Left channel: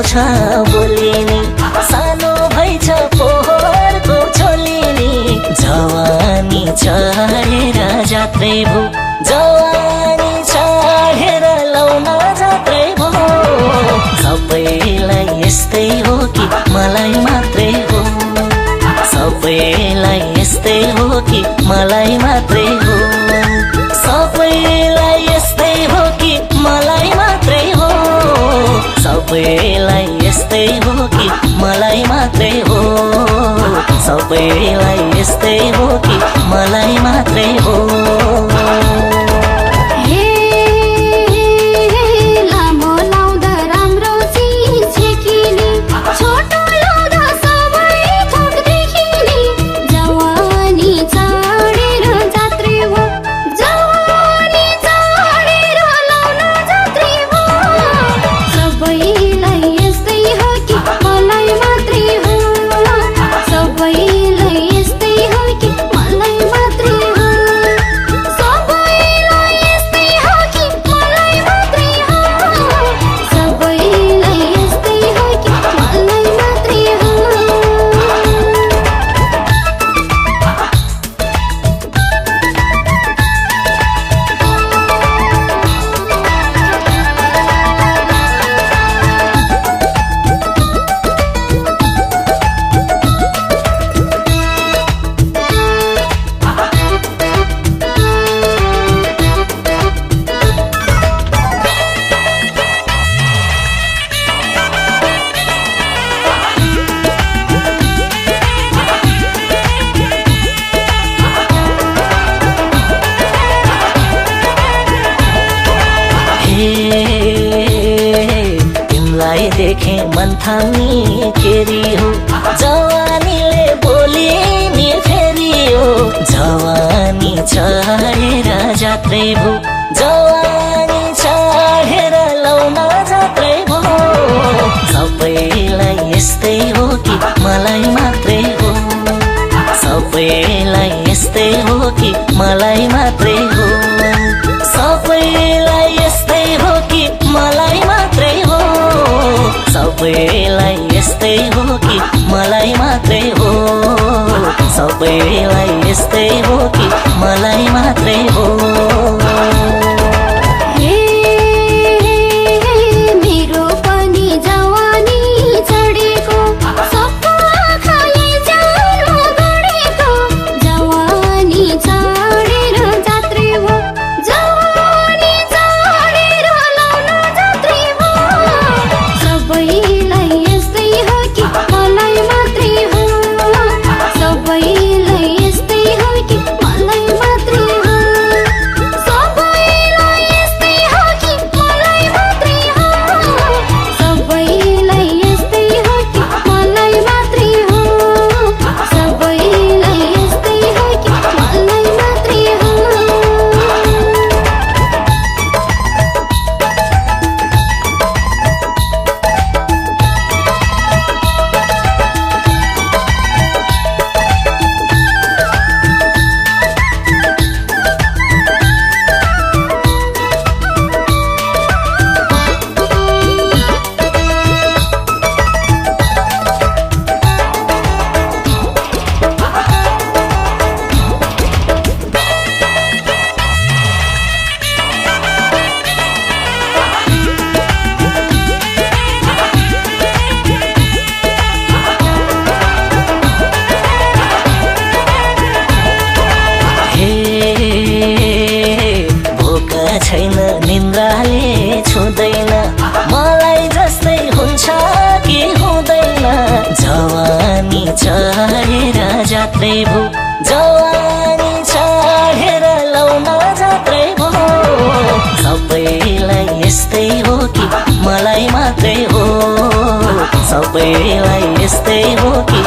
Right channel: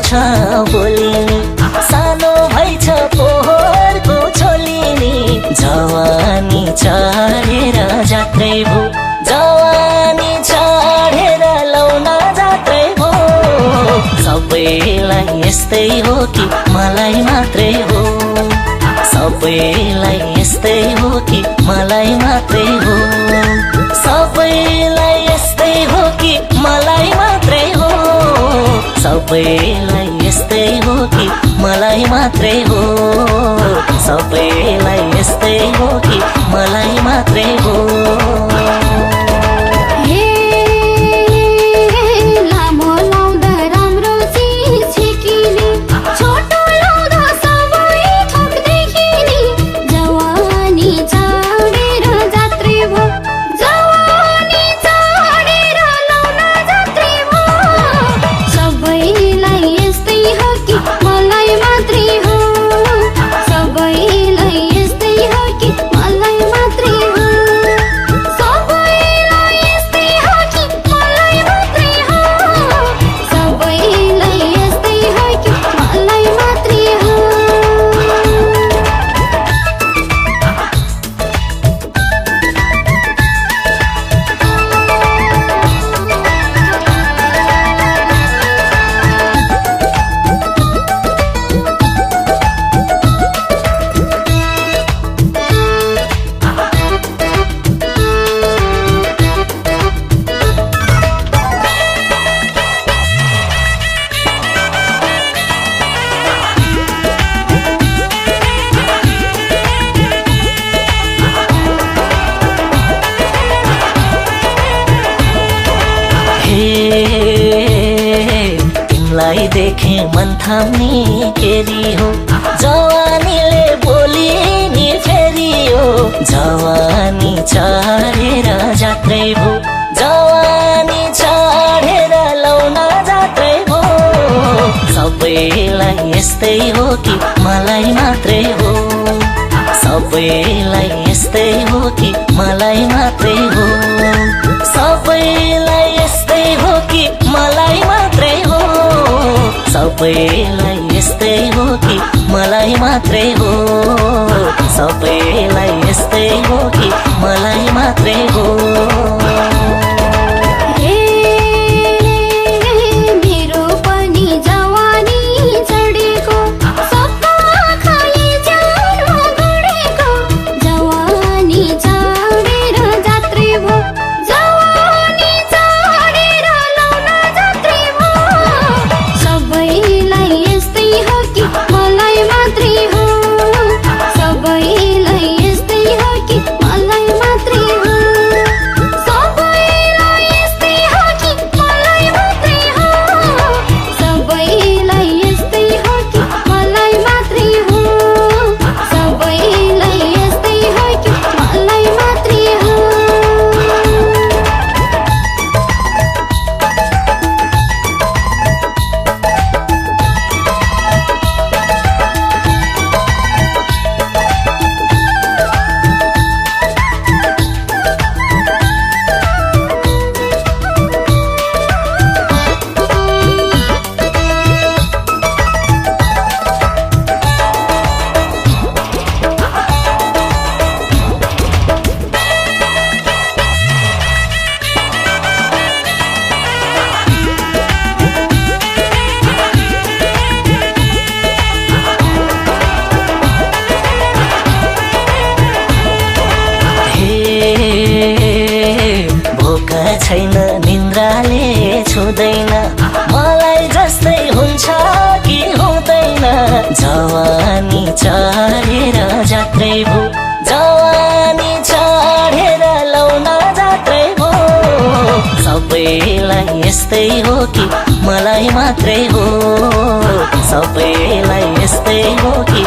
आउँछ बोलिनी सानो भइछ पोहोरको छोलिनी जवानी चढेर जात्रै भो जवानी चढेर लाउन जात्रै भो सबैलाई यस्तै हो कि मलाई मात्रै हो सबैलाई यस्तै हो कि मलाई मात्रै हो सबैलाई यस्तै हो कि मलाई मात्रै हो सबैलाई यस्तै हो कि मलाई मात्रै हो सबैलाई यस्तै हो कि मलाई मात्रै हो तिमलाई देखे मन थाम्ने केरी हो जवानीले बोली नि फेरि हो जवानी चढेर जात्रै भो जवानी चढेर लाउन जात्रै भो सबैलाई यस्तै हो कि मलाई मात्रै हो सबैलाई यस्तै हो कि मलाई मात्रै हो सबैलाई यस्तै हो कि मलाई मात्रै हो सबैलाई यस्तै हो कि मलाई मात्रै हो सबैलाई यस्तै हो कि मलाई मात्रै हो छुँदैन मलाई जस्तै हुन्छ कि हुँदैन जवानी चढेर जात्रै भो जवानी चढेर लाउन जात्रै भो सबैलाई यस्तै हो कि मलाई मात्रै हो सबैलाई यस्तै हो कि